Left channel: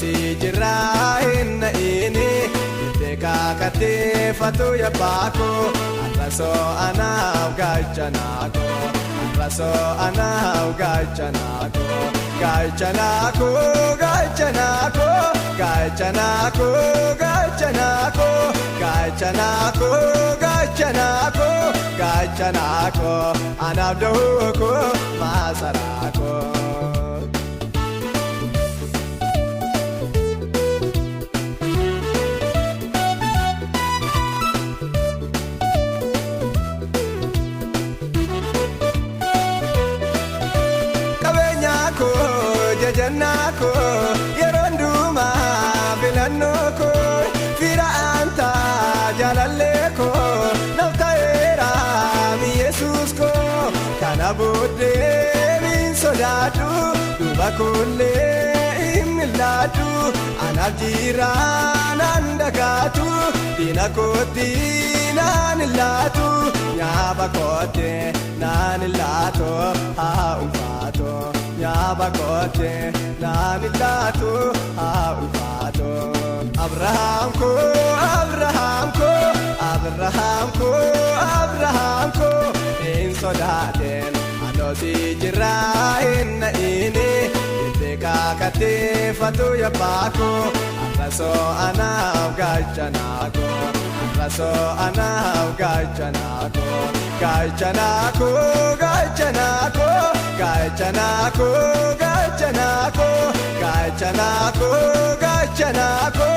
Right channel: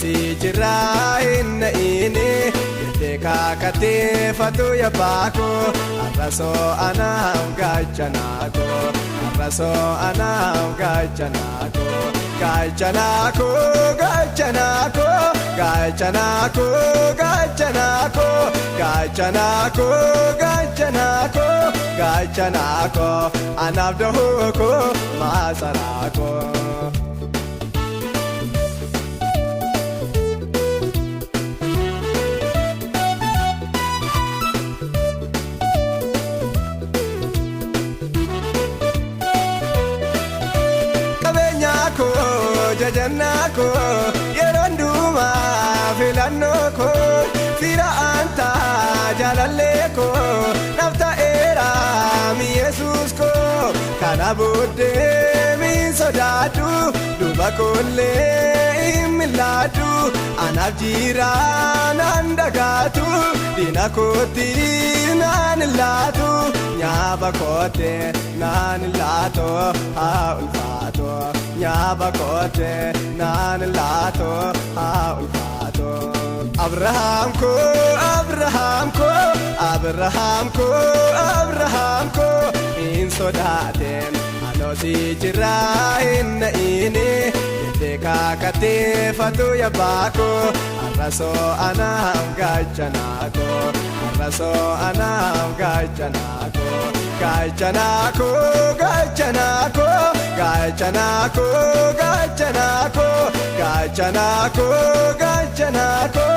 Aloosi jirraa hin inni kakatee fatu yabbaako arrasoo anaaf gaachanaako arrasoo anaaf gaachanaako gaachanaako gaachanaako gaachanaako gaachanaako gaachanaako gaachanaako gaachanaako anaaf dhooko maasaraako. Boodee sodaatu duuba koollee imilaatu anaaf jiraan dagaatu diina kooti naan ilaatu nyaaba kooti naan ilaatu haa ulfaatu nyaaba kooti naan ilaatu haa ulfaatu. Abrahaam koo Abrahaam koo Abrahaam koo Abrahaam koo hin sodaate. Aloosi jirraa hin inni kakatee fatu yabbaako arrasoo anaaf gaachanaako arrasoo anaaf gaachanaako gaachanaako gaachanaako gaachanaako gaachanaako gaachanaako gaachanaako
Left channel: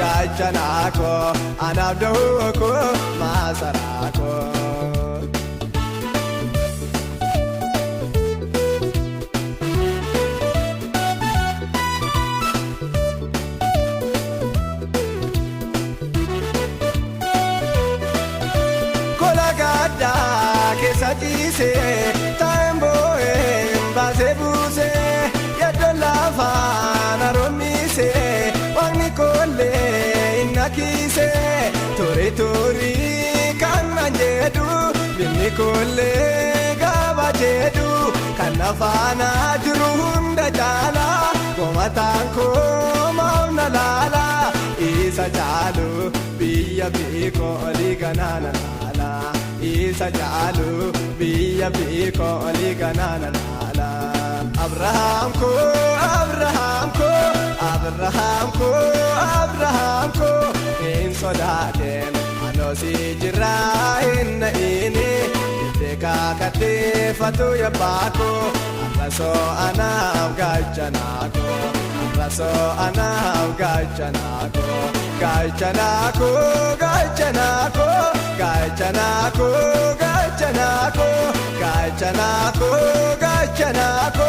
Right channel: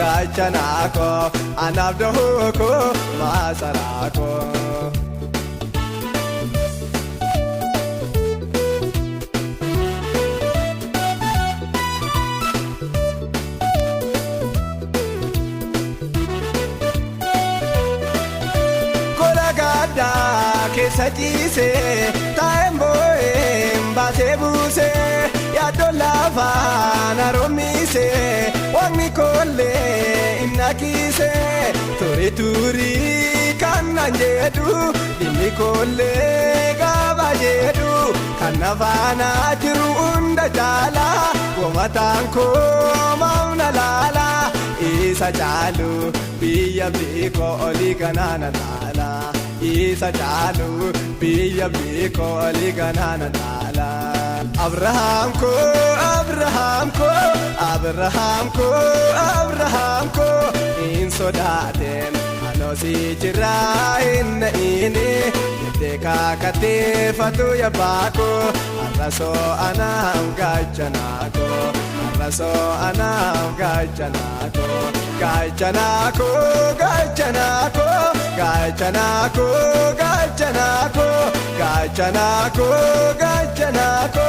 gaachanaako anaaf dhooko maasaraako. Turii kana jedhu inni koollee gaba jedhu kan afaana jiru hunda jaala komataan koomaam na laala isa jaalu biyya beekoo olii ganaana laala isa jaalu biyya beekoo olii ganaana laala. Abrahaam koo Abrahaam koo Abrahaam koo Abrahaam koo hin sodaate. Aloosi jirraa hin inni kakatee fatu yabbaako arrasoo anaaf gaachanaako arrasoo anaaf gaachanaako gaachanaako gaachanaako gaachanaako gaachanaako gaachanaako gaachanaako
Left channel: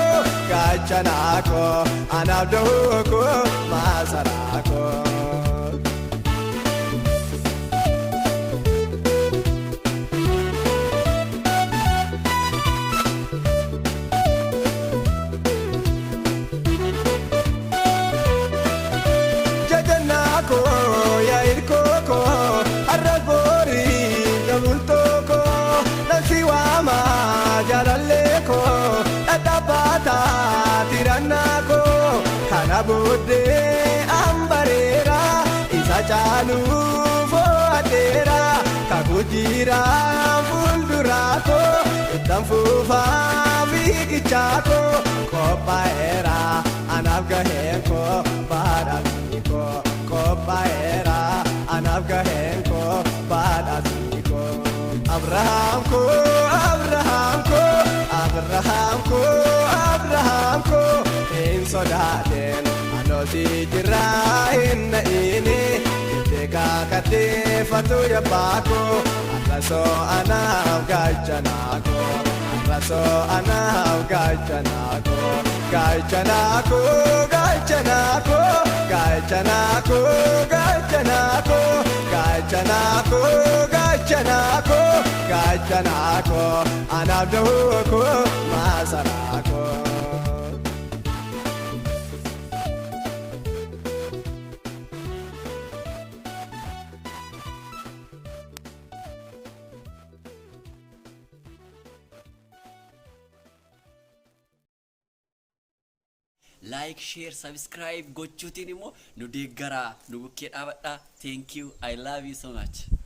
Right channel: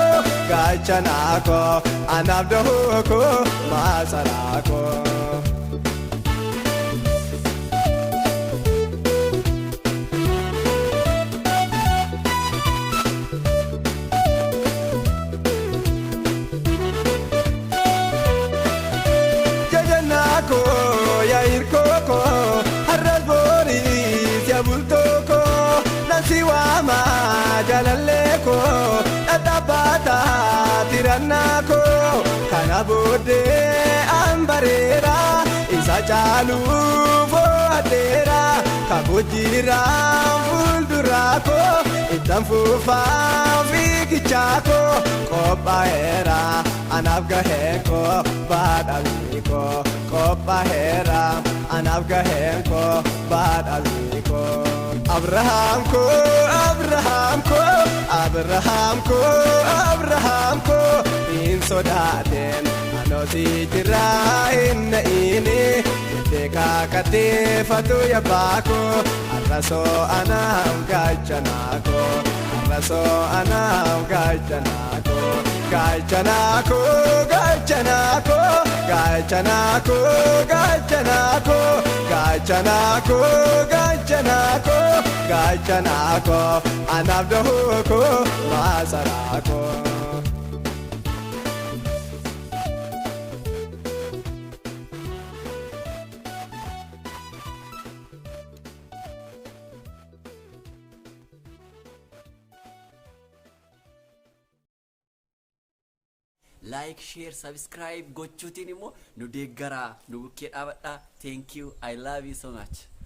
gaachanaako anaaf dhooko maasaraako. Fuulduraako ittaan fuufaa fiigichaako qophaa'eera anaaf gaheenko baadhaamiiko qophaa'eera anaaf gaheenko baadhaamiiko. Abrahaam koo Abrahaam koo Abrahaam koo Abrahaam koo hin sodaateen aloosi jirraa hin inni kakatee fatu yabbaako arrasoo anaaf gaachanaako arrasoo anaaf gaachanaako gaachanaako gaachanaako gaachanaako gaachanaako gaachanaako gaachanaako gaachanaako anaaf dhooko maasaraako. like share subscribe gochuutiin immoo nu deeggaraa nu bukkee dhaabadhaa. Thank you, I love you so much.